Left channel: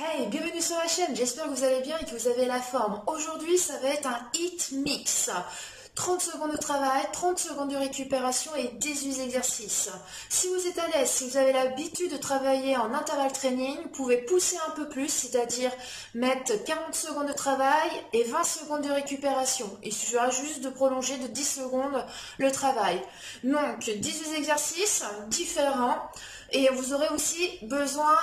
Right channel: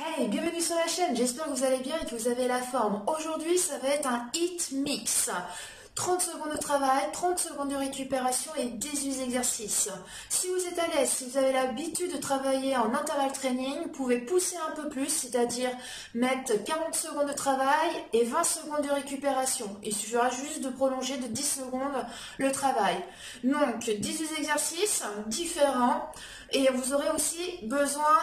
Hey, bienvenue sur la chaîne, j'espère que vous allez bien et que vous avez la forme. Aujourd'hui, ça va être un hit mix. 30 secondes de travail, 30 secondes de récupération et 18 exercices. Si vous êtes à l'aise, si vous avez l'habitude de travailler en intervalle training, vous pouvez pousser un peu plus, c'est-à-dire mettre 40 secondes de travail et 20 secondes de récupération. Il suffira juste de prolonger de 10 secondes le travail. Donc, 18 exercices différents et vous aurez aussi besoin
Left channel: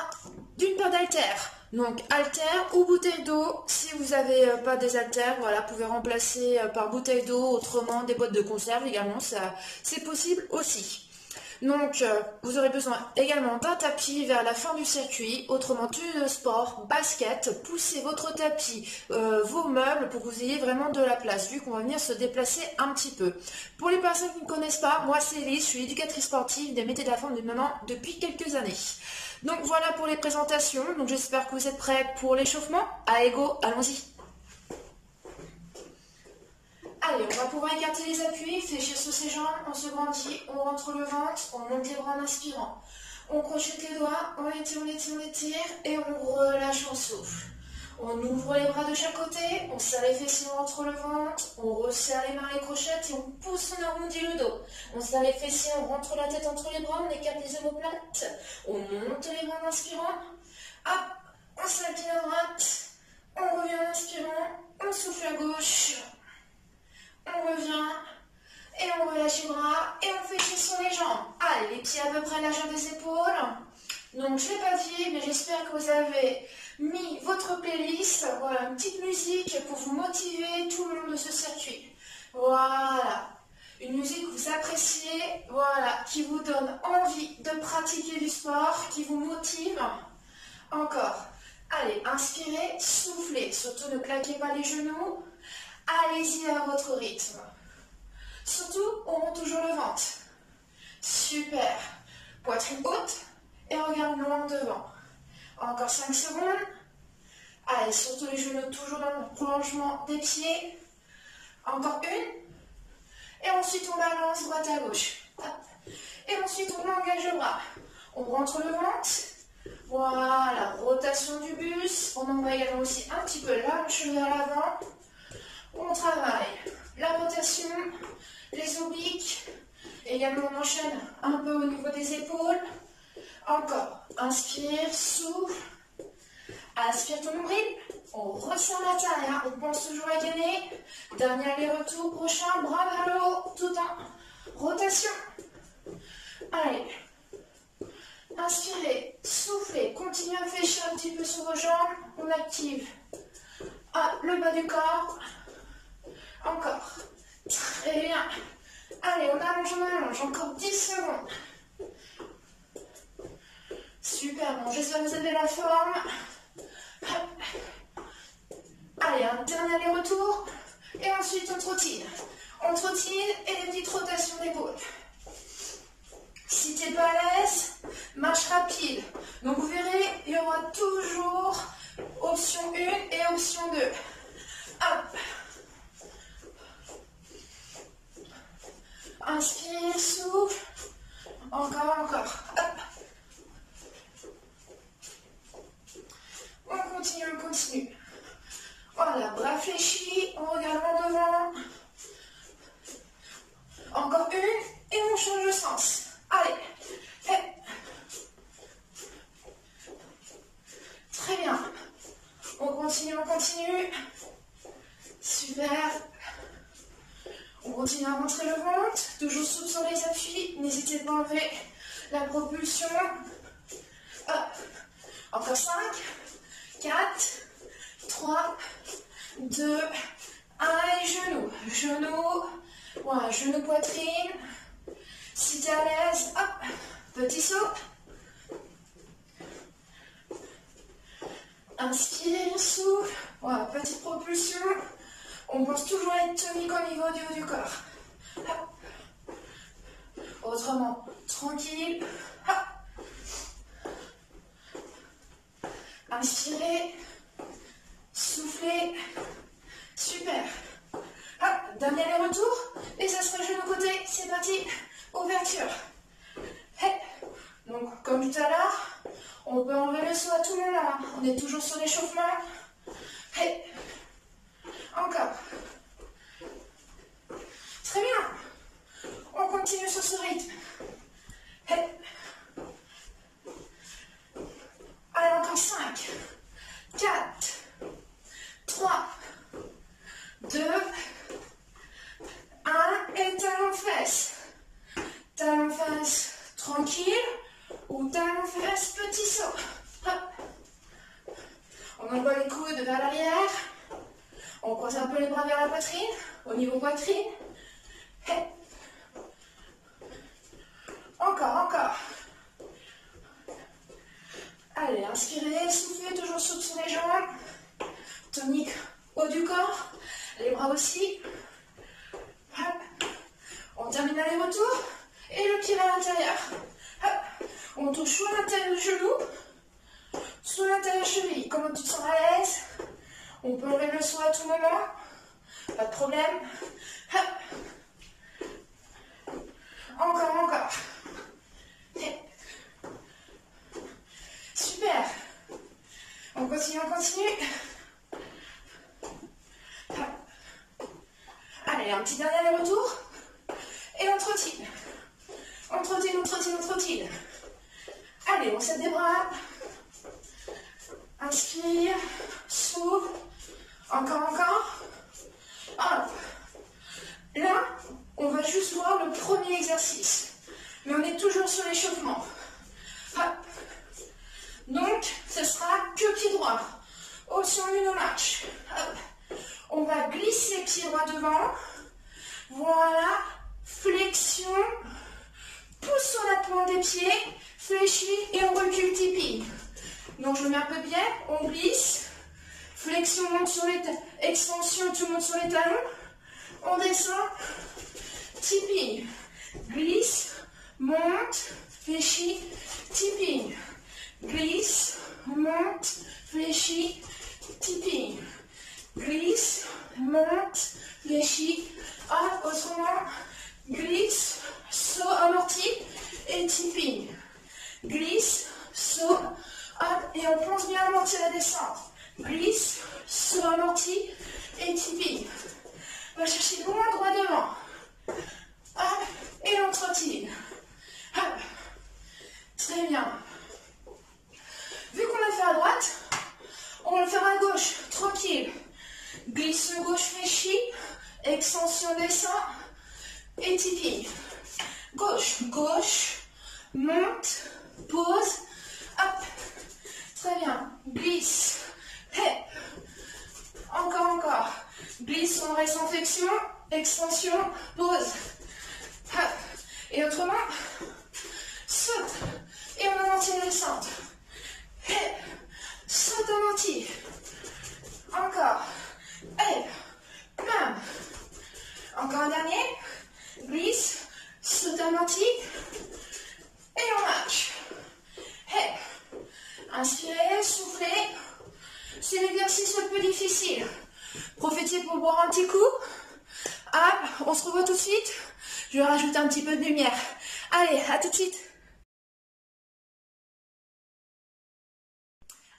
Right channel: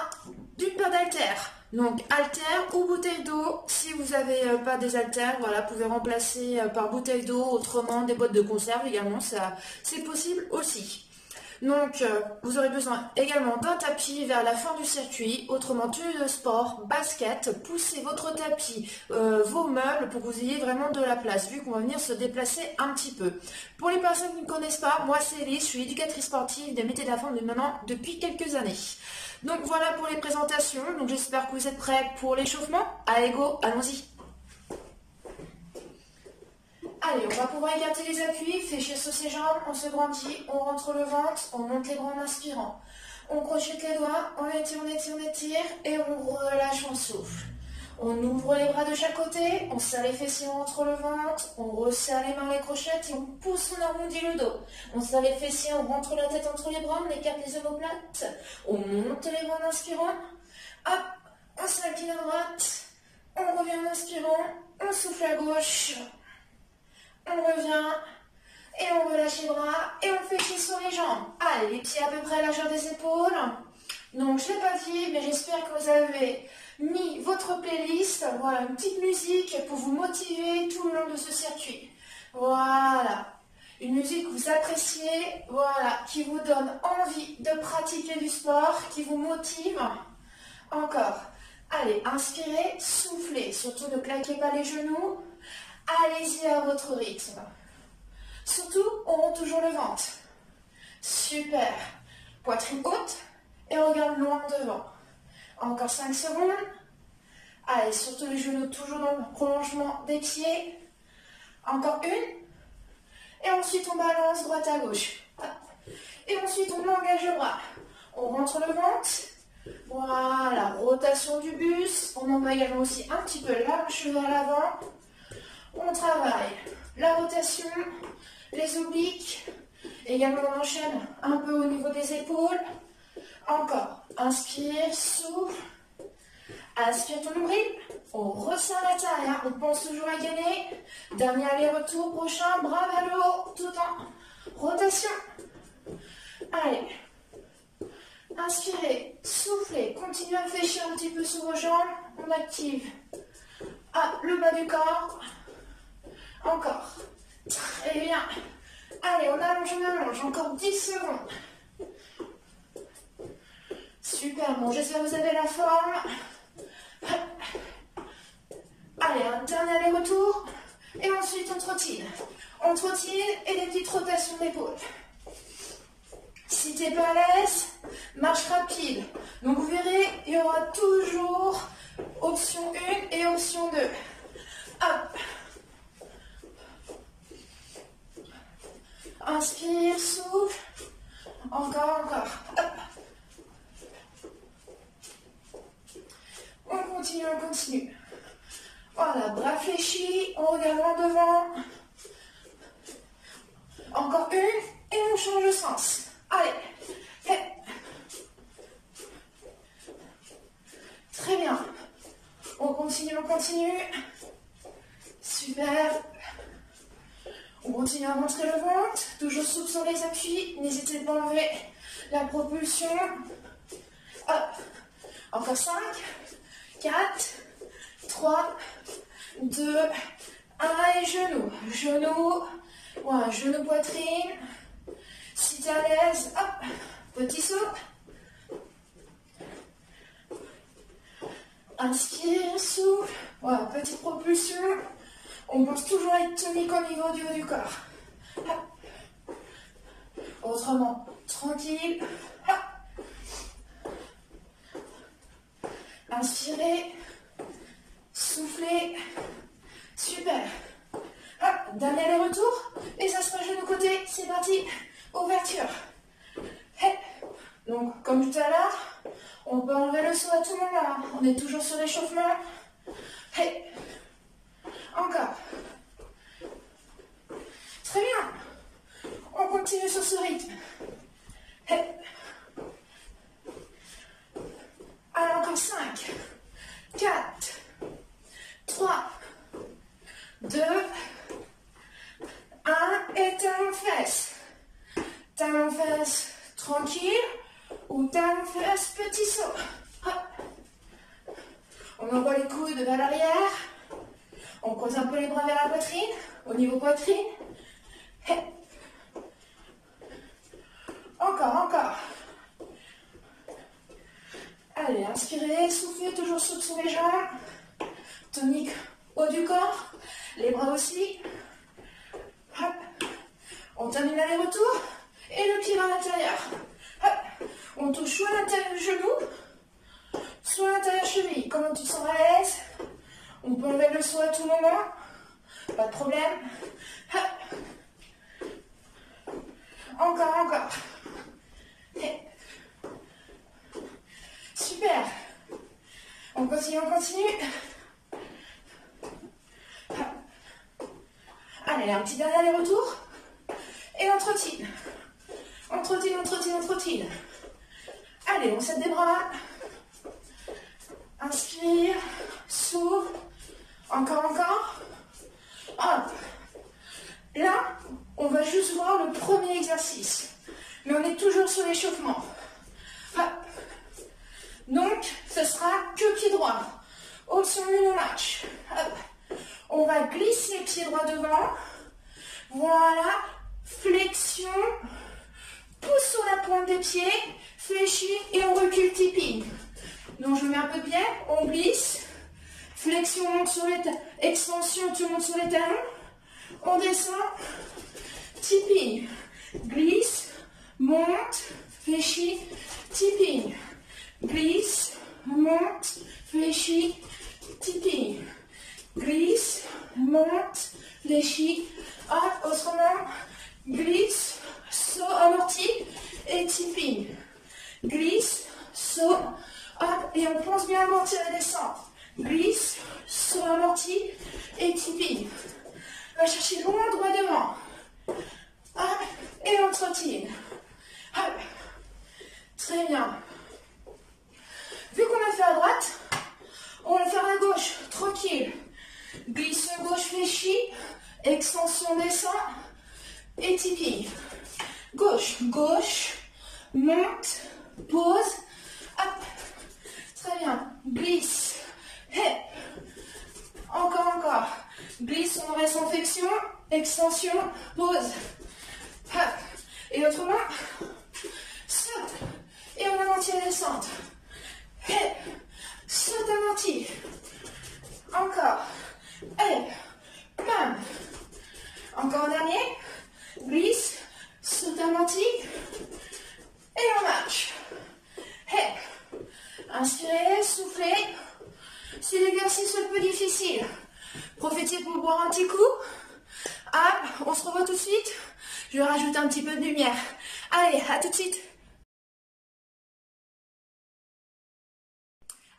d'une paire d'haltères. Donc haltères ou bouteille d'eau, si vous n'avez pas des haltères, voilà, vous pouvez remplacer par bouteille d'eau, autrement des boîtes de conserve également, ça c'est possible aussi. Donc vous aurez besoin également d'un tapis vers la fin du circuit, autrement tenue de sport, basket, poussez votre tapis, vos meubles pour que vous ayez vraiment de la place, vu qu'on va venir se déplacer un petit peu. Pour les personnes qui ne me connaissent pas, moi c'est Elise, je suis éducatrice sportive des métiers de la forme maintenant depuis quelques années. Donc voilà pour les présentations, donc j'espère que vous êtes prêts pour l'échauffement. Allez go, allons-y. Allez, on va pouvoir écarter les appuis, fléchir sur ses jambes, on se grandit, on rentre le ventre, on monte les bras en inspirant. On crochette les doigts, on étire, on étire, on étire, et on relâche, on souffle. On ouvre les bras de chaque côté, on serre les fessiers, on rentre le ventre, on resserre les mains, les crochettes et on pousse, on arrondit le dos. On serre les fessiers, on rentre la tête entre les bras, on écarte les omoplates, on monte les bras en inspirant, hop, on s'incline à droite, on revient en inspirant, on souffle à gauche, on revient et on relâche les bras et on fléchit sur les jambes. Allez, les pieds à peu près à la largeur des épaules. Donc je ne l'ai pas dit, mais j'espère que vous avez mis votre playlist, voilà, une petite musique pour vous motiver tout le long de ce circuit. Voilà, une musique que vous appréciez, voilà, qui vous donne envie de pratiquer du sport, qui vous motive. Encore, allez, inspirez, soufflez, surtout ne claquez pas les genoux, allez-y à votre rythme. Surtout, on monte toujours le ventre. Super, poitrine haute et regarde loin devant. Encore 5 secondes. Allez, surtout les genoux toujours dans le prolongement des pieds. Encore une. Et ensuite, on balance droite à gauche. Et ensuite, on engage le bras. On rentre le ventre. Voilà, rotation du buste. On envoie également aussi un petit peu la hanche vers l'avant. On travaille la rotation, les obliques. Également, on enchaîne un peu au niveau des épaules. Encore, inspire, souffle, aspire ton nombril, on resserre la taille, hein. On pense toujours à gagner. Dernier aller-retour, prochain, bras vers le haut, tout en rotation. Allez, inspirez, soufflez, continuez à fléchir un petit peu sur vos jambes, on active le bas du corps, encore, très bien. Allez, on allonge, encore 10 secondes. Super, bon, j'espère que vous avez la forme. Allez, un dernier aller-retour. Et ensuite, on trottine. On trottine et des petites rotations d'épaule. Si tu n'es pas à l'aise, marche rapide. Donc, vous verrez, il y aura toujours option 1 et option 2. Hop. Inspire, souffle. Encore. Hop. On continue. Voilà, bras fléchis, on regarde en devant. Encore une, et on change de sens. Allez. Très bien. On continue. Super. On continue à montrer le ventre, toujours souple sur les appuis. N'hésitez pas à enlever la propulsion. Hop. Encore 5. 4, 3, 2, 1 et genoux, voilà, genou poitrine, si tu es à l'aise, hop, petit saut, inspire, souffle, voilà, petite propulsion, on pense toujours à être tonique au niveau du haut du corps, hop. Autrement, tranquille, hop. Inspirez, soufflez, super. Hop, dernier aller-retour, et ça sera genou côté, c'est parti, ouverture. Donc, comme tout à l'heure, On peut enlever le saut à tout moment. On est toujours sur l'échauffement. Hey. Encore. Très bien. On continue sur ce rythme. Hey. Allez, encore 5, 4, 3, 2, 1 et talon fesses. Talon fesses tranquille ou talon fesses petit saut. Hop. On envoie les coudes vers l'arrière. On croise un peu les bras vers la poitrine, au niveau poitrine. Hey. Encore. Allez, inspirez, soufflez, toujours sur les jambes. Tonique haut du corps, les bras aussi. Hop. On termine l'aller-retour et le pied à l'intérieur. Hop. On touche soit l'intérieur du genou, soit l'intérieur cheville. Comment tu te sens à l'aise. On peut enlever le saut à tout moment. Pas de problème. Hop. Encore. Et. Super. On continue. Allez, un petit dernier aller-retour. Et on trottine. On trottine. Allez, on serre des bras. Inspire. Souffle. Encore. Hop. Là, on va juste voir le premier exercice. Mais on est toujours sur l'échauffement. Hop. Donc, ce sera que pied droit. Option 1 en marche. Hop. On va glisser pied droit devant. Voilà. Flexion. Pousse sur la pointe des pieds. Fléchis et on recule tipping. Donc, je mets un peu de biais. On glisse. Flexion, monte sur les talons. Extension, tu montes sur les talons. On descend. Tipping. Glisse. Monte. Fléchis. Tipping. Glisse, monte, fléchis, tipping. Glisse, monte, fléchis, hop, autrement. Glisse, saut amorti et tipping. Glisse, saut, hop, et on pense bien amortir la descente. Glisse, saut amorti et tipping. On va chercher loin, droit devant. Hop, et on trottine. Hop, très bien. Vu qu'on l'a fait à droite, on va le faire à gauche, tranquille. Glisse gauche fléchie, extension descend et tipping. Gauche, monte, pose, hop. Très bien, glisse, hey. Encore. Glisse, on reste en flexion, extension, pose, hop. Et autrement, saute et on amortit la descente. Hey, saute amorti. Encore. Hey, bam. Encore un dernier. Glisse, saute amorti. Et on marche. Hey. Inspirez, soufflez. C'est l'exercice le plus difficile. Profitez pour boire un petit coup. Hop, on se revoit tout de suite. Je vais rajouter un petit peu de lumière. Allez, à tout de suite.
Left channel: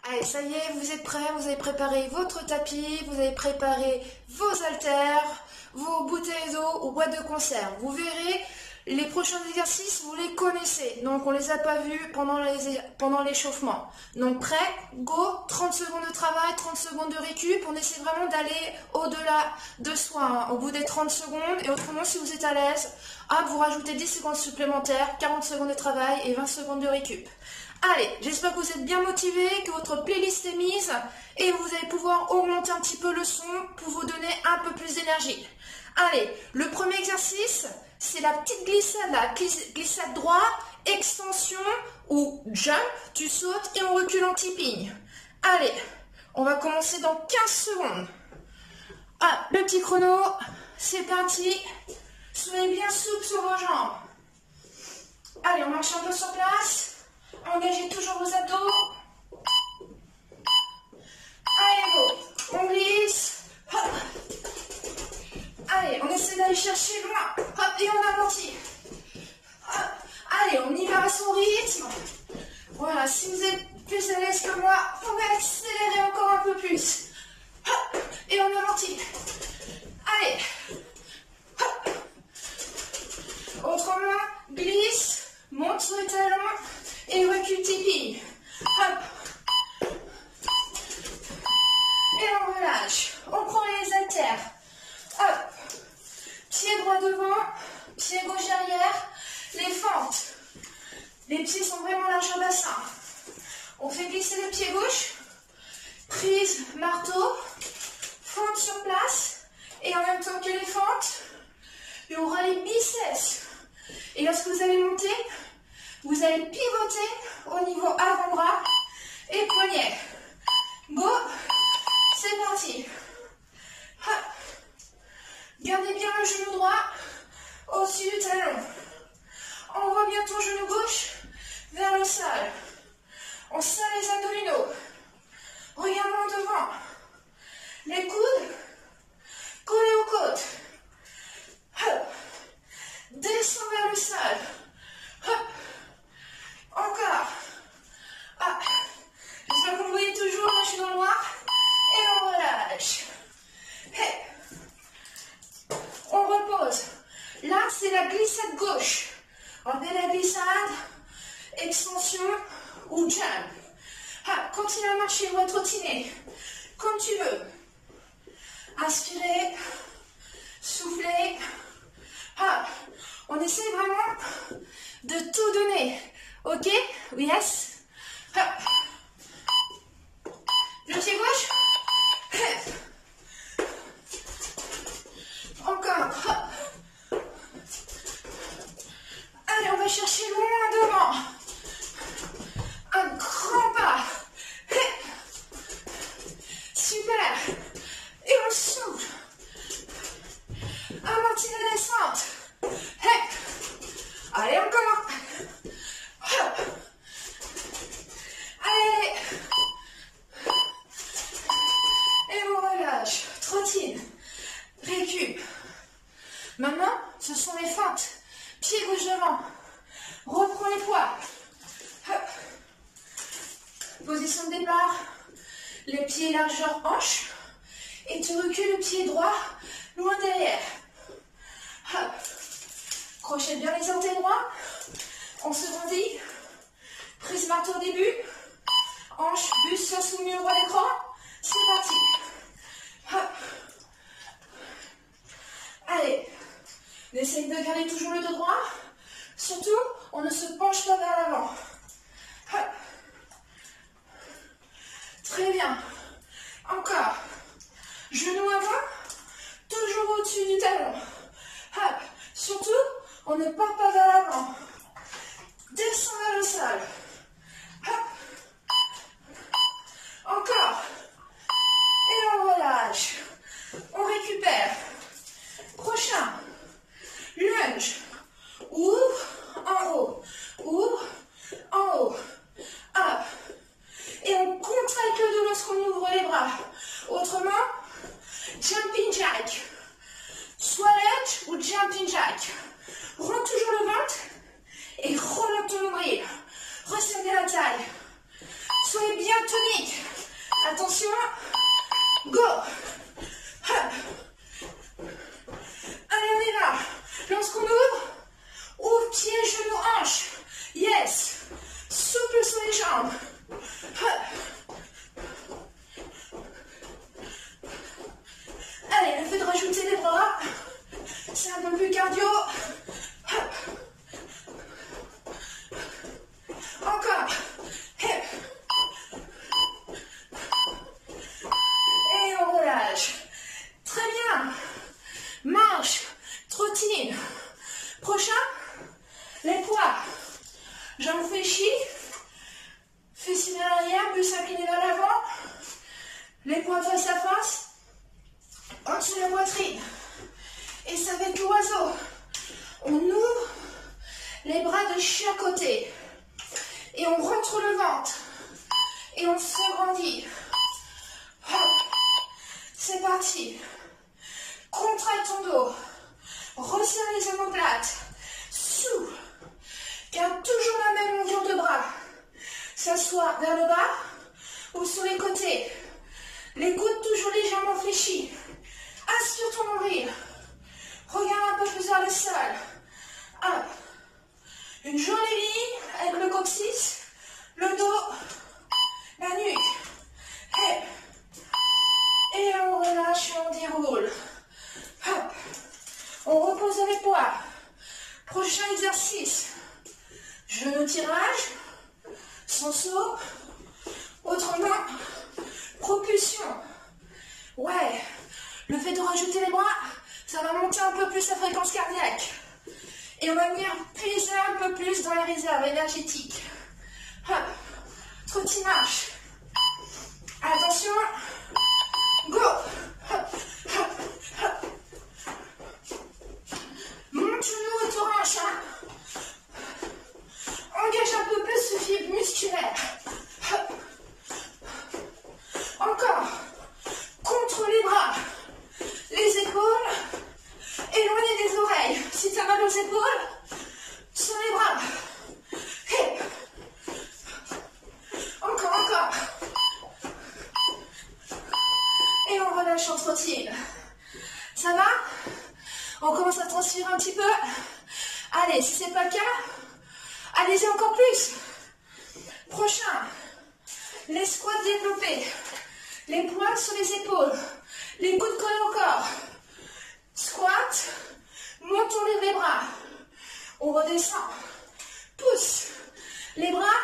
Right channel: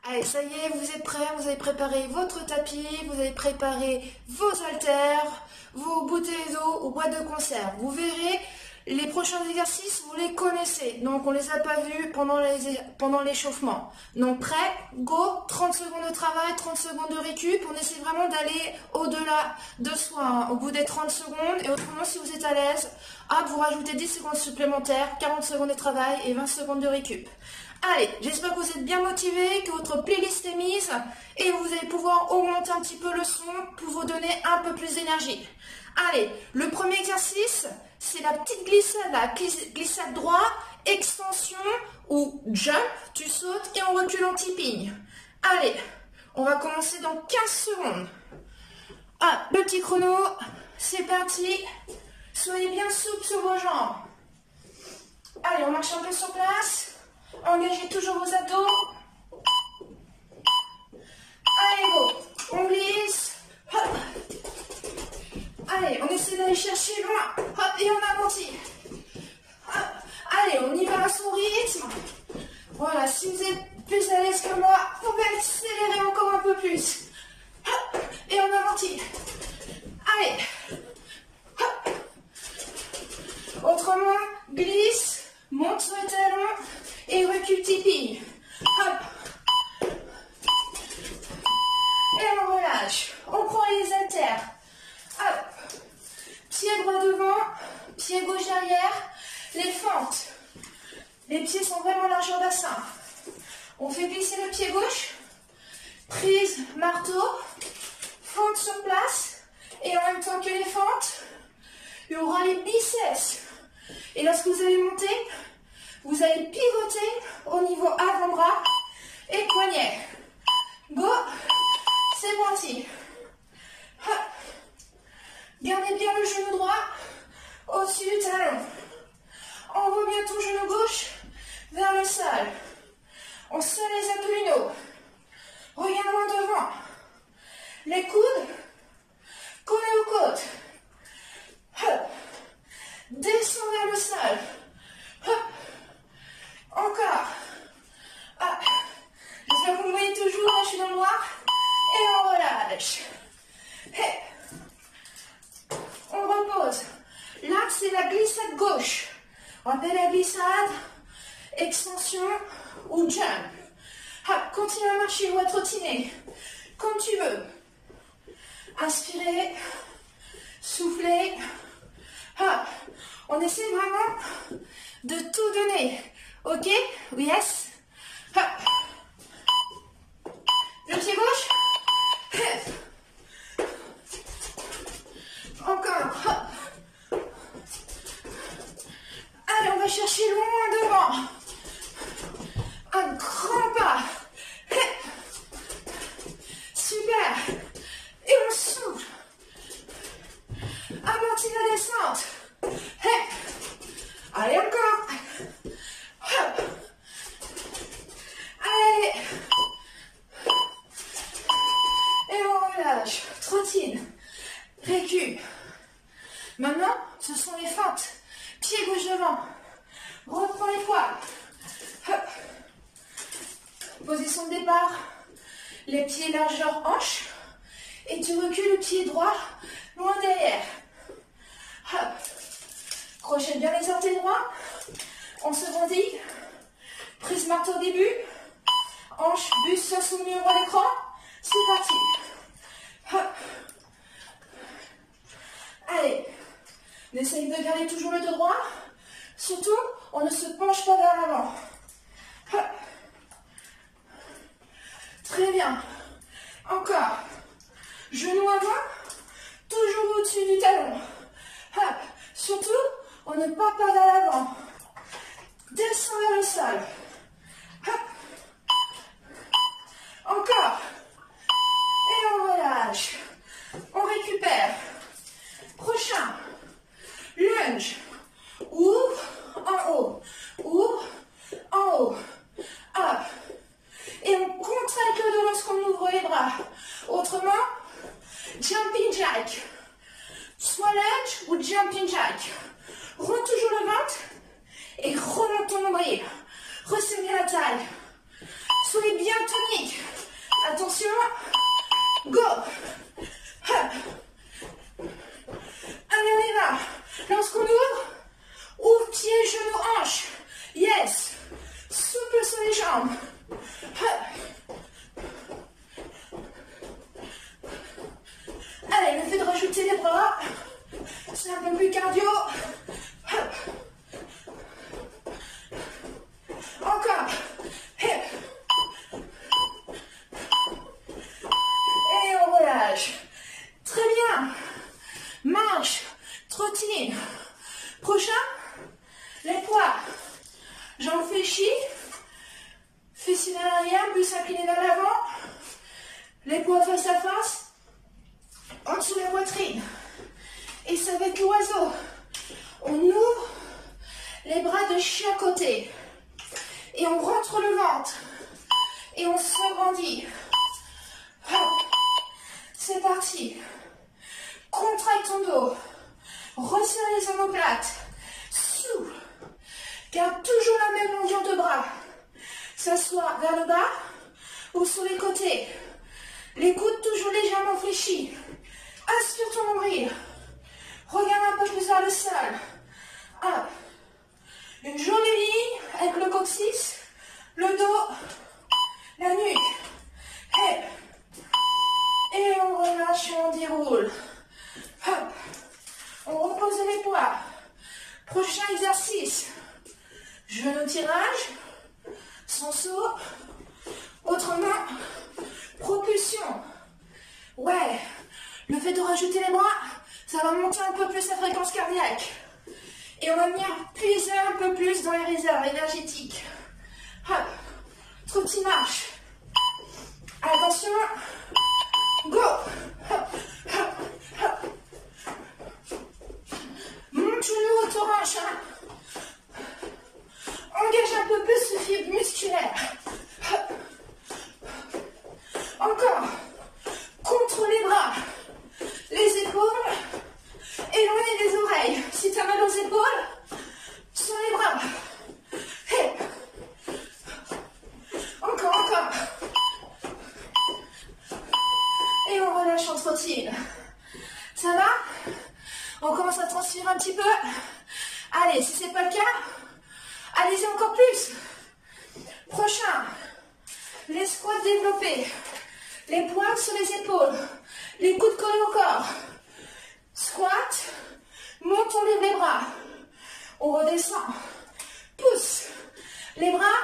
Allez, ça y est, vous êtes prêts, vous avez préparé votre tapis, vous avez préparé vos haltères, vos bouteilles d'eau ou boîtes de conserve. Vous verrez, les prochains exercices, vous les connaissez. Donc, on ne les a pas vus pendant l'échauffement. Donc, prêt, go, 30 secondes de travail, 30 secondes de récup. On essaie vraiment d'aller au-delà de soi, hein, au bout des 30 secondes. Et autrement, si vous êtes à l'aise, vous rajoutez 10 secondes supplémentaires, 40 secondes de travail et 20 secondes de récup. Allez, j'espère que vous êtes bien motivés, que votre playlist est mise et vous allez pouvoir augmenter un petit peu le son pour vous donner un peu plus d'énergie. Allez, le premier exercice, c'est la petite glissade, la glissade droit, extension ou jump, tu sautes et on recule en tipping. Allez, on va commencer dans 15 secondes. Le petit chrono, c'est parti. Soyez bien souple sur vos jambes. Allez, on marche un peu sur place. Engagez toujours vos abdos. Allez, go. On glisse. Hop. Allez, on essaie d'aller chercher loin. Hop, et on amortit. Hop. Allez, on y va à son rythme. Voilà, si vous êtes plus à l'aise que moi, on va accélérer encore un peu plus. Et on amortit. Allez. Autre main, glisse, monte sur le talon et recule tipi. Hop. Et on relâche. On prend les haltères. Hop. Pied droit devant, pied gauche derrière. Les fentes. Les pieds sont vraiment larges au bassin. On fait glisser le pied gauche. Prise, marteau. Fente sur place. Et en même temps que les fentes, il y aura les biceps. Et lorsque vous allez monter, vous allez pivoter au niveau avant-bras et poignet. Go. C'est parti. Hop. Gardez bien le genou droit au-dessus du talon. On voit bientôt genou gauche vers le sol. On serre les abdominaux. Regardons devant. Les coudes collés aux côtes. Hop. Descends vers le sol. Hop. Encore. Ah. J'espère que vous me voyez toujours. Moi, je suis dans le noir. Et on relâche. Hey. On repose. Là, c'est la glissade gauche. On appelle la glissade, extension ou jump. Ah, continue à marcher ou à trottiner, comme tu veux. Inspirez, soufflez. Ah, on essaie vraiment de tout donner. Ok? Yes? Ah. Le pied gauche. Encore. Allez, on va chercher loin devant. Un grand pas. Super. Et on souffle. Amortis la descente. Allez, encore. Allez. Et on relâche. Trottine. Récup. Maintenant, ce sont les feintes. Pied gauche devant. Reprends les poids. Hop. Position de départ. Les pieds largeur hanche. Et tu recules le pied droit loin derrière. Hop. Crochette bien les orteils droits. On se grandit. Prise marteau au début. Hanche, buste, soit soumis au roi d'écran. C'est parti. Hop. Allez. On essaye de garder toujours le dos droit. Surtout, on ne se penche pas vers l'avant. Très bien. Encore. Genou avant. Toujours au-dessus du talon. Hop. Surtout, on ne part pas vers l'avant. Descends vers le sol. Hop. Encore. Et on relâche. On récupère. Prochain. Lunge. Ouvre en haut. Ouvre en haut. Hop. Et on contracte le dos lorsqu'on ouvre les bras. Autrement, jumping jack. Soit lunge ou jumping jack. Rentre toujours le ventre et remonte ton nombril. Resserre bien la taille. Soyez bien tonique. Attention. Go. Hop. Allez, on y va. Lorsqu'on ouvre pied, genou, hanche. Yes. Souple sur les jambes. Allez, le fait de rajouter les bras, c'est un peu plus cardio. Encore. Et on relâche. Très bien. Marche, trottine. Prochain, les poids. Jambes fléchies. Fessiers vers l'arrière, buste incliné vers l'avant. Les poids face à face. En dessous de la poitrine. Et ça va être l'oiseau. On ouvre les bras de chaque côté. Et on rentre le ventre. Et on s'agrandit. C'est parti. Contracte ton dos. Resserre les omoplates. Souffle. Garde toujours la même longueur de bras. ça soit vers le bas ou sur les côtés. Les coudes toujours légèrement fléchis. Aspire ton nombril. Regarde un peu plus vers le sol. Hop. Une jolie ligne avec le coccyx, le dos, la nuque. Et on relâche et on déroule. Hop. On repose les poids. Prochain exercice. Genou tirage, sans saut. Autre main, propulsion. Ouais, le fait de rajouter les bras, ça va monter un peu plus la fréquence cardiaque. Et on va venir puiser un peu plus dans les réserves énergétiques. Hop, trottinage marche. Attention, go. Hop, hop, hop. Monte toujours au thorax. Engage un peu plus ce fibre musculaire. Hop. Encore. Contre les bras. Les épaules. Éloigné des oreilles. Si tu as mal aux épaules, sur les bras. Hey. Encore. Et on relâche en trottine. Ça va? On commence à transpirer un petit peu. Allez, si ce n'est pas le cas, allez-y encore plus. Prochain. Les squats développés. Les poings sur les épaules. Les coudes collés au corps. Squat. Monte, on lève les bras. On redescend. Pousse. Les bras.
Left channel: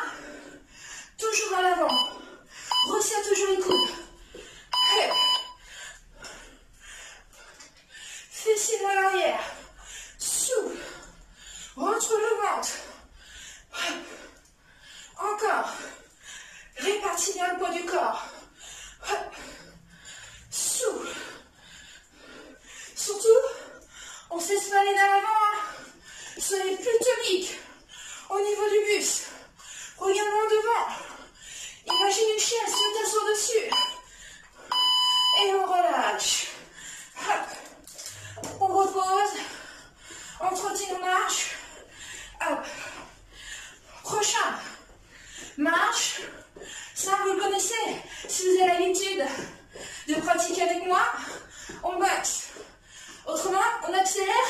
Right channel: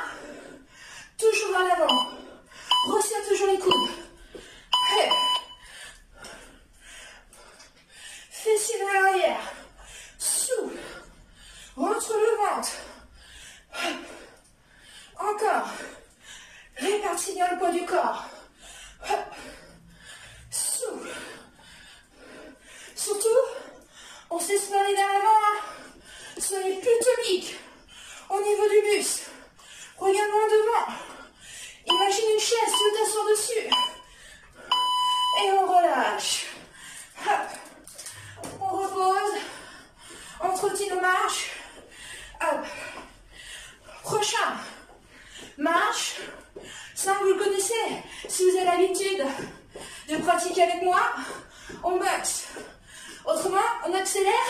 Toujours vers l'avant. Resserre toujours les coudes. Hey. Fessiers vers l'arrière. Souffle. Rentre le ventre. Encore. Répartis bien le poids du corps. Souffle. Surtout, on se laisse pas aller dans l'avant. Soyez plus tonique au niveau du buste. Regarde-moi devant. Imagine une chaise, tu t'assois dessus. Et on relâche. Hop. On repose. On trottine, on marche. Hop. Prochain. Marche. Ça, vous le connaissez. Si vous avez l'habitude de pratiquer avec moi, on boxe. Autrement, on accélère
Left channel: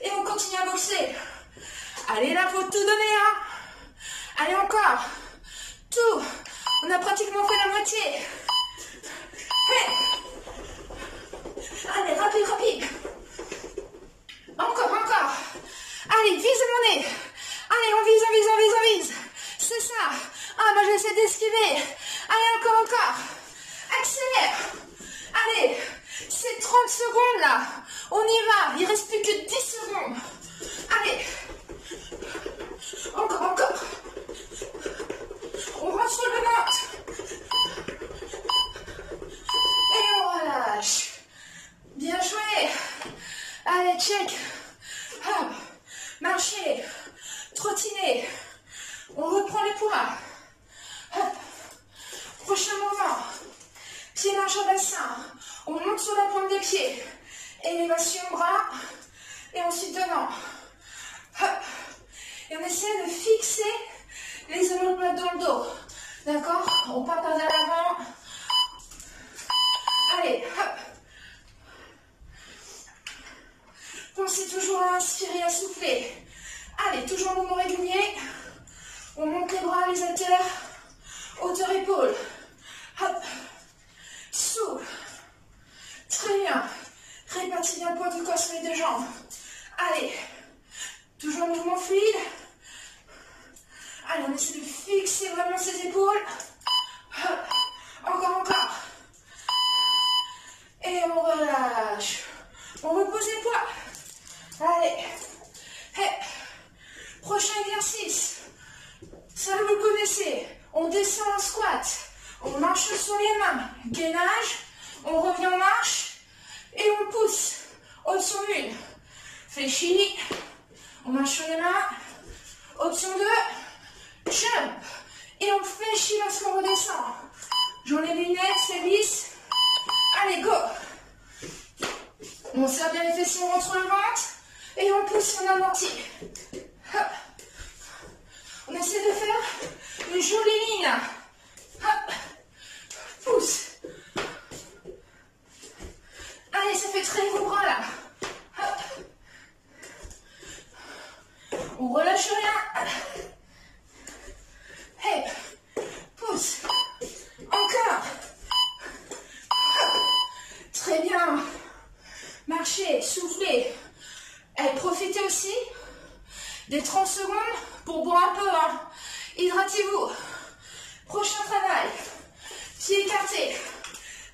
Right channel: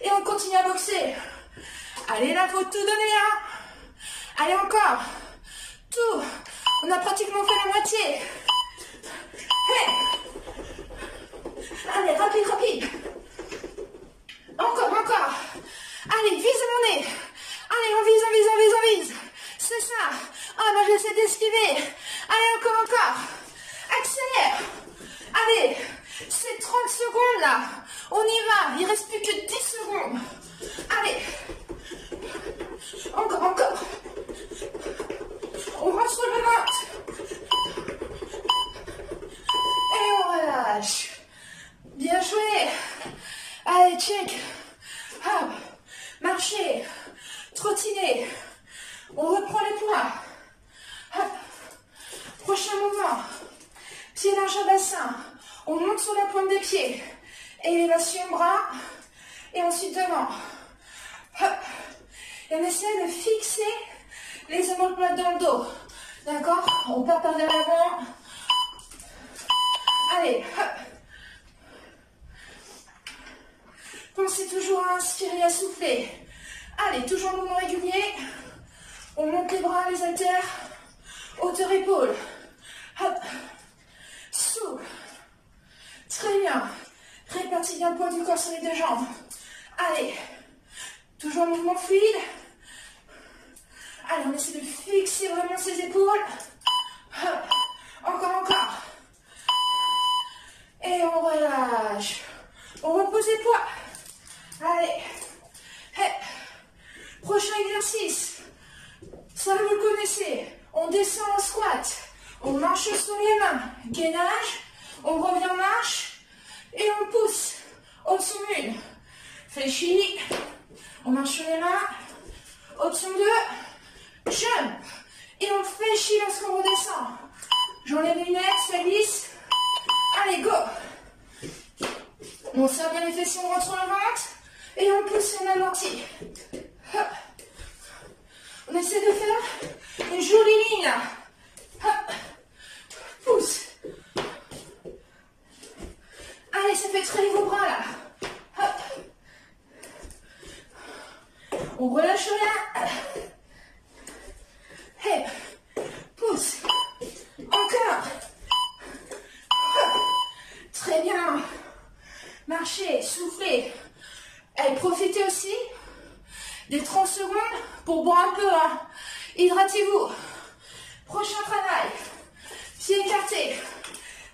et on continue à boxer. Allez, là, faut tout donner, hein. Allez, encore. Tout. On a pratiquement fait la moitié. Hey. Allez, rapide. Encore. Allez, vise mon nez. Allez, on vise. C'est ça. Ah, bah, j'essaie d'esquiver. Allez, encore. Accélère. Allez, c'est 30 secondes, là. On y va. Il reste plus que 10 secondes. Allez. Encore. On rentre le ventre. Et on relâche. Bien joué. Allez, check. Hop. Marcher. Trottiner. On reprend les poids. Hop. Prochain mouvement. Pied large au bassin. On monte sur la pointe des pieds. Élévation bras. Et ensuite devant. Hop. Et on essaie de fixer les omoplates dans le dos. D'accord? On part par vers l'avant. Allez, hop. Pensez toujours à inspirer, à souffler. Allez, toujours mouvement régulier. On monte les bras, les haltères. Hauteur épaule. Hop. Souffle. Très bien. Répartis bien le poids du corps sur les deux jambes. Allez. Toujours un mouvement fluide. Allez, on essaie de fixer vraiment ses épaules. Hop. Encore. Et on relâche. On repose les poids. Allez. Hey. Prochain exercice. Ça, vous le connaissez. On descend en squat. On marche sur les mains. Gainage. On revient en marche. Et on pousse. Option 1. Fléchis. On marche sur les mains. Option 2. Jump. Et on fléchit lorsqu'on redescend. J'enlève les lunettes, ça glisse. Allez, go. On serre bien les fessiers, on rentre le ventre. Et on pousse, on amortit. Hop. On essaie de faire une jolie bien. Hop. Pousse. Allez, ça fait traîner vos bras là. Hop. On relâche rien. Hey. Pousse. Encore. Hop. Très bien. Marchez, soufflez. Et profitez aussi des 30 secondes pour boire un peu. Hein. Hydratez-vous. Prochain travail. Pieds écartés.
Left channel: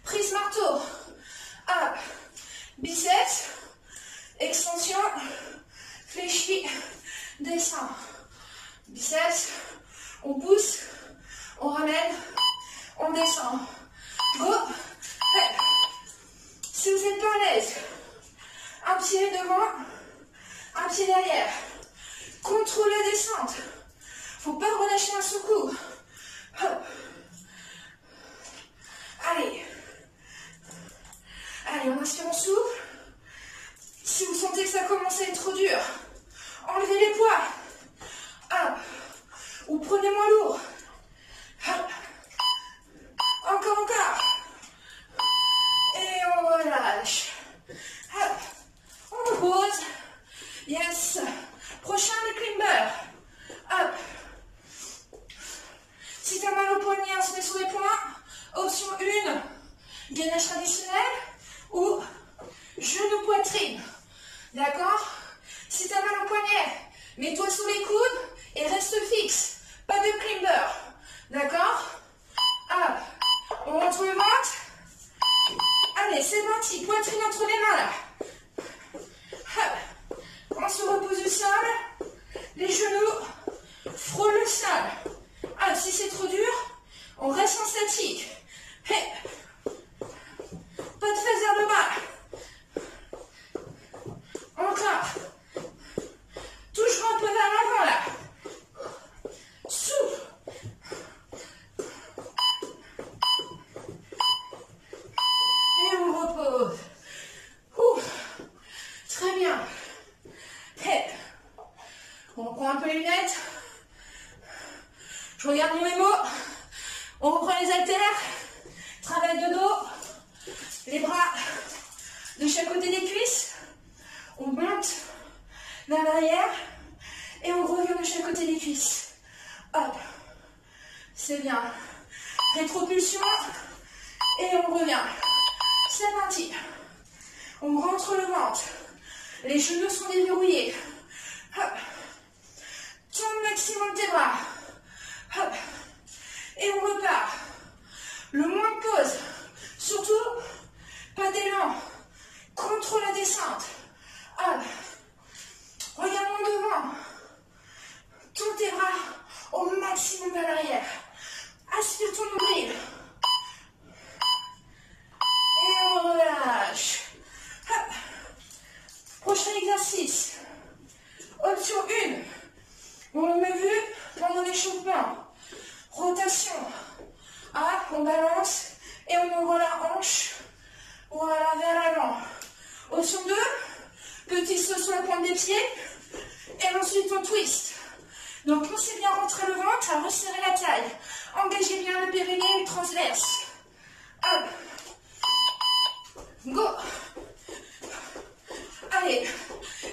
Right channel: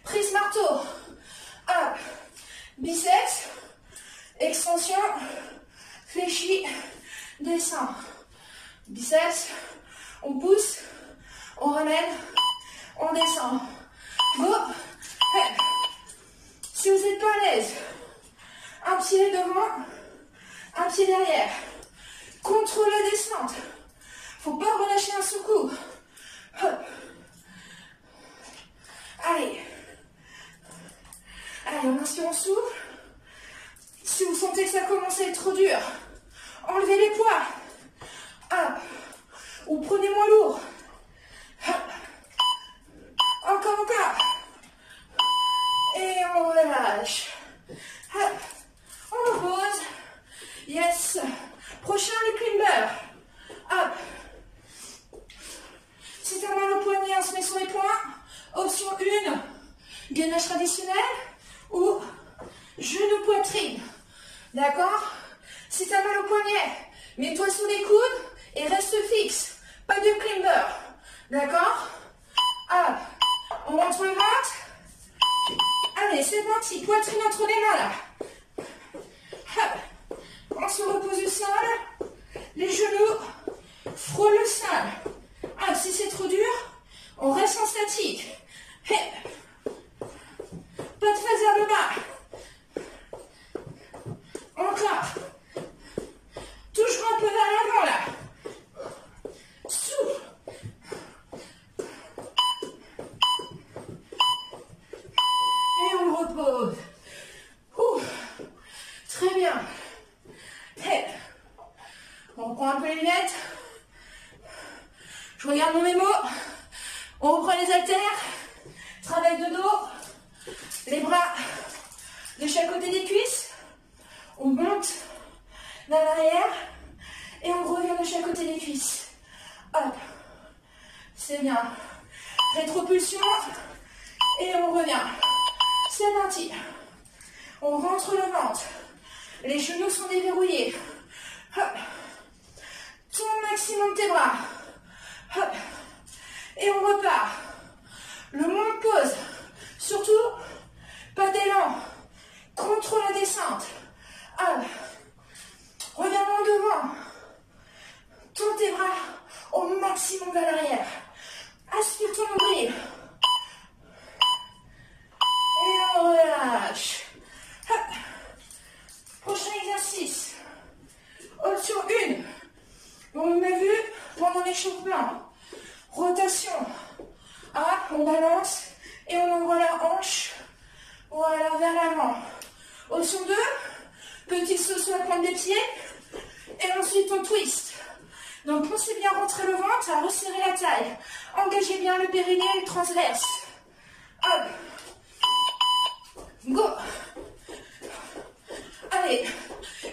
Prise marteau. Hop. Biceps. Extension. Fléchi. Descend. Biceps. On pousse. On ramène. On descend. Go. Hey. Si vous n'êtes pas à l'aise, un pied devant, un pied derrière. Contrôle la descente. Faut pas relâcher un sous-coup. Allez. Allez, on inspire, on souffle. Si vous sentez que ça commence à être trop dur, enlevez les poids. Hop. Ou prenez moins lourd. Hop. Encore, encore. Et on relâche. Hop. On repose. Yes. Prochain, les climbers. Hop. Si tu as mal au poignet, on se met sur les poings. Option 1, gainage traditionnel ou genou poitrine. D'accord? Si tu as mal au poignet, mets-toi sous les coudes et reste fixe. Pas de climber. D'accord? Hop. On rentre le ventre. Allez, c'est parti. Poitrine entre les mains là. Hop. On se repose du sol. Les genoux frôlent le sol. Ah, si c'est trop dur, on reste en statique. Hey. Pas de face vers le bas. Encore. Toujours un peu vers l'avant là. Souffle. Et on repose. Ouh. Très bien. Hey. On reprend un peu les lunettes. Je regarde mon mémo. On reprend les haltères. Travail de dos. Les bras de chaque côté des cuisses. On monte vers l'arrière. Et on revient de chaque côté des cuisses. Hop. C'est bien. Rétropulsion. Et on revient. C'est parti. On rentre le ventre. Les genoux sont déverrouillés. Hop. Tourne maximum tes bras. Hop. Et on repart. Le moins de pause. Surtout, pas d'élan. Contrôle la descente. Hop. Regarde en devant. Tourne tes bras au maximum vers l'arrière. Aspire ton nombril. Et on relâche. Hop. Prochain exercice. Option 1. On a vu pendant l'échauffement. Rotation. Hop, on balance et on envoie la hanche. Voilà, vers l'avant. Option 2. Petit saut sur la pointe des pieds. Et ensuite on twist. Donc pensez bien rentrer le ventre, à resserrer la taille. Engagez bien le périnée et le transverse. Hop. Go. Allez,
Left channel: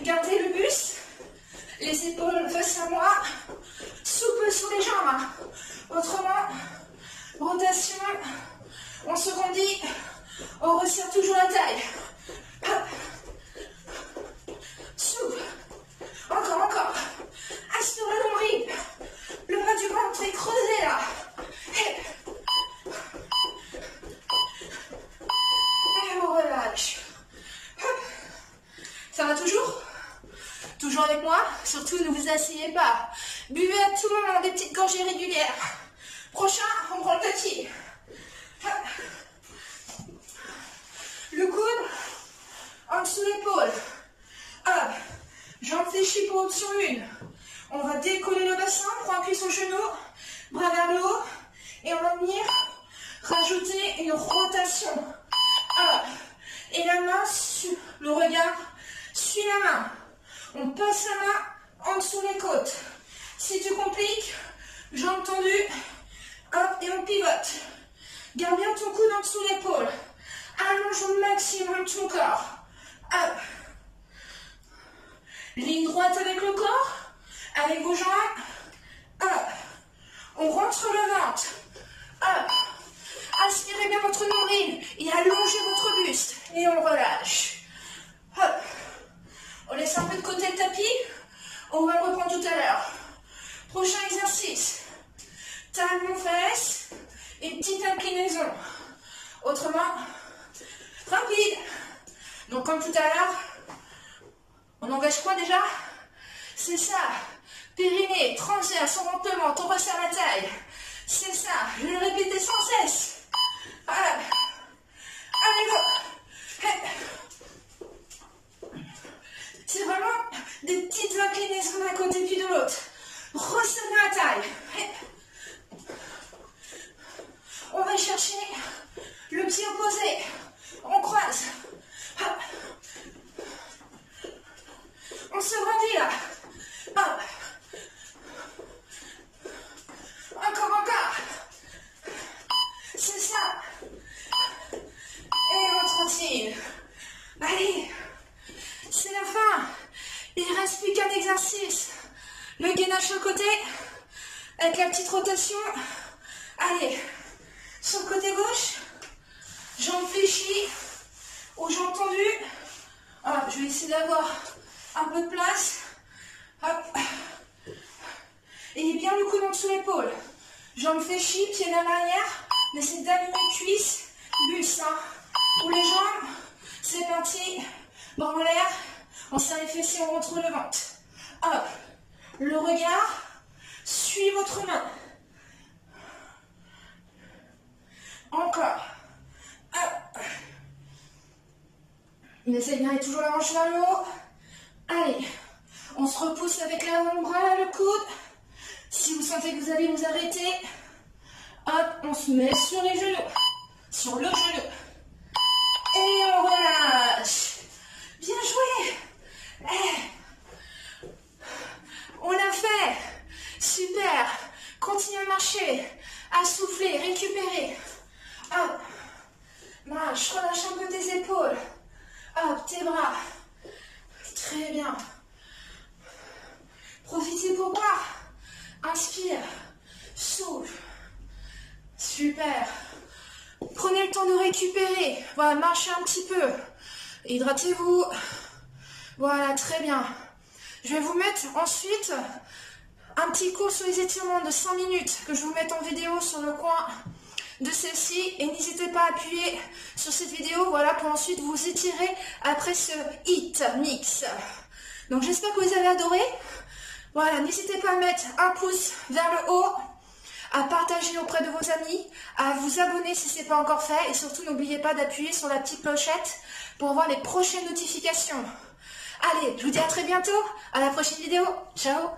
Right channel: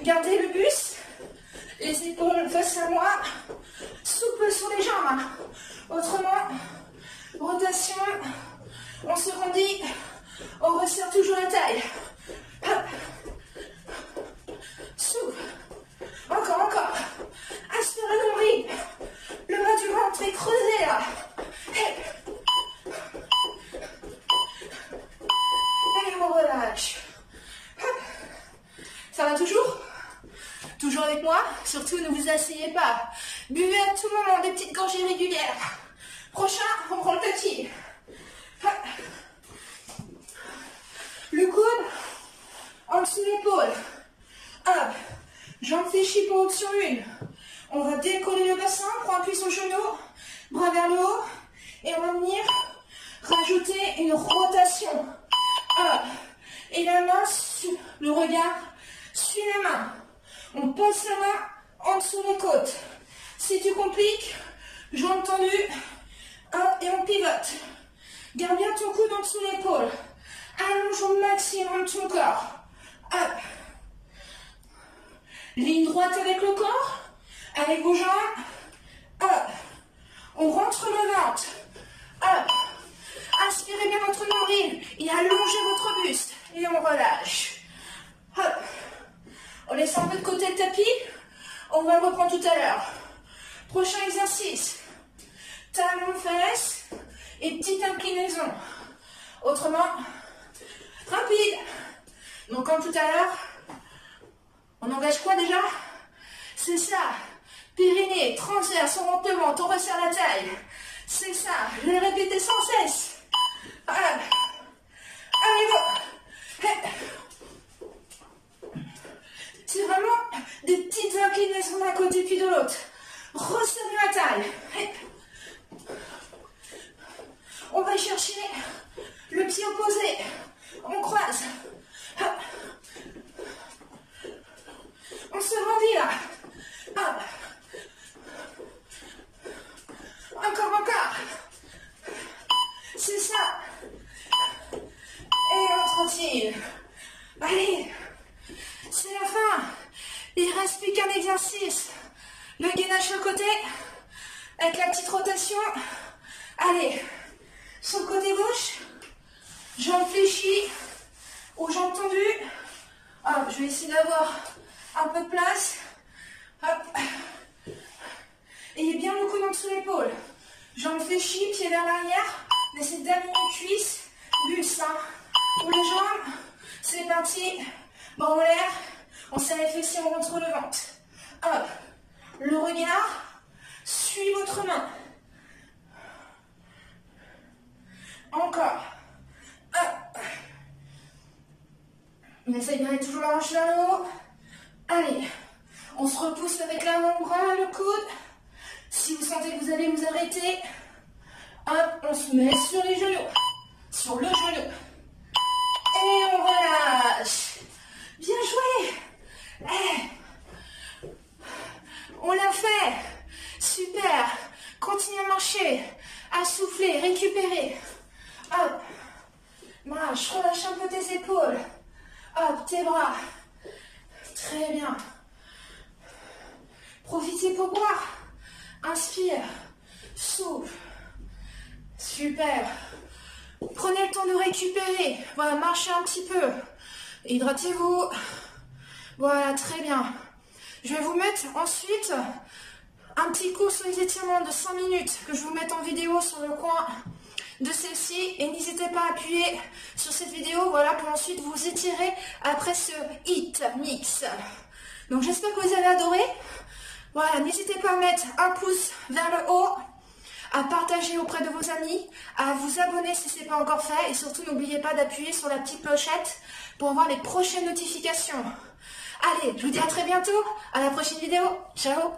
gardez le buste. Les épaules face à moi. Souple sur les jambes. Autrement, rotation. On se grandit. On resserre toujours la taille. Hop. Souple. Encore, encore. Aspirez le nombril. Le bas du ventre est creusé là. Et on relâche. Hop. Ça va toujours? Toujours avec moi? Surtout ne vous asseyez pas. Buvez à tout moment des petites gorgées régulières. Prochain, on prend le petit. Hop. Le coude en dessous de l'épaule. Hop. Jambes fléchies pour option 1. On va décoller le bassin, prend appui sur le genou, bras vers le haut. Et on va venir rajouter une rotation. Hop. Et la main, le regard suit la main. On passe la main en dessous des côtes. Si tu compliques, jambes tendues. Hop, et on pivote. Garde bien ton coude en dessous de l'épaule. Allonge au maximum ton corps. Hop. Ligne droite avec le corps. Avec vos jambes. Hop. On rentre le ventre. Hop. Aspirez bien votre nombril et allongez votre buste. Et on relâche. Hop. On laisse un peu de côté le tapis. On va le reprendre tout à l'heure. Prochain exercice. Talons, fesses et petite inclinaison. Autrement, rapide. Donc comme tout à l'heure, on engage quoi déjà? C'est ça. Périnée, transverse, on rentre le ventre, on resserre la taille. C'est ça. Je vais le répéter sans cesse. Allez, go. C'est vraiment des petites inclinaisons d'un côté puis de l'autre. Resserrez la taille. On va chercher le pied opposé. On croise. On se grandit là. Hop. Encore. C'est ça. Et on tranquille. Allez. C'est la fin. Il ne reste plus qu'un exercice. Le gainage sur le côté. Avec la petite rotation. Allez. Sur le côté gauche. Jambes fléchies. Aux jambes tendues. Hop, je vais essayer d'avoir un peu de place. Hop. Ayez bien le coude en dessous de l'épaule. Jambes fléchies, pieds vers l'arrière. Laissez d'aligner cuisses, buste. Hein. Pour les jambes, c'est parti. Bras en l'air. On serre les fessiers, on rentre le ventre. Hop. Le regard suit votre main. Encore. Hop. On essaye de garder toujours la hanche vers le haut. Allez. On se repousse avec l'avant-bras, le coude. Si vous sentez que vous allez vous arrêter, hop, on se met sur les genoux. Sur le genou. Et on relâche. Bien joué. On l'a fait. Super. Continuez à marcher. À souffler, récupérer. Hop. Marche, relâche un peu tes épaules. Hop, tes bras. Très bien. Profitez pour boire. Inspire. Souffle. Super. Prenez le temps de récupérer. Voilà, marchez un petit peu. Hydratez-vous. Voilà, très bien. Je vais vous mettre ensuite un petit cours sur les étirements de 5 minutes que je vous mette en vidéo sur le coin de celle-ci. Et n'hésitez pas à appuyer sur cette vidéo, voilà, pour ensuite vous étirer après ce hit mix. Donc j'espère que vous avez adoré. Voilà, n'hésitez pas à mettre un pouce vers le haut, à partager auprès de vos amis, à vous abonner si ce n'est pas encore fait. Et surtout, n'oubliez pas d'appuyer sur la petite clochette pour avoir les prochaines notifications. Allez, je vous dis à très bientôt, à la prochaine vidéo. Ciao!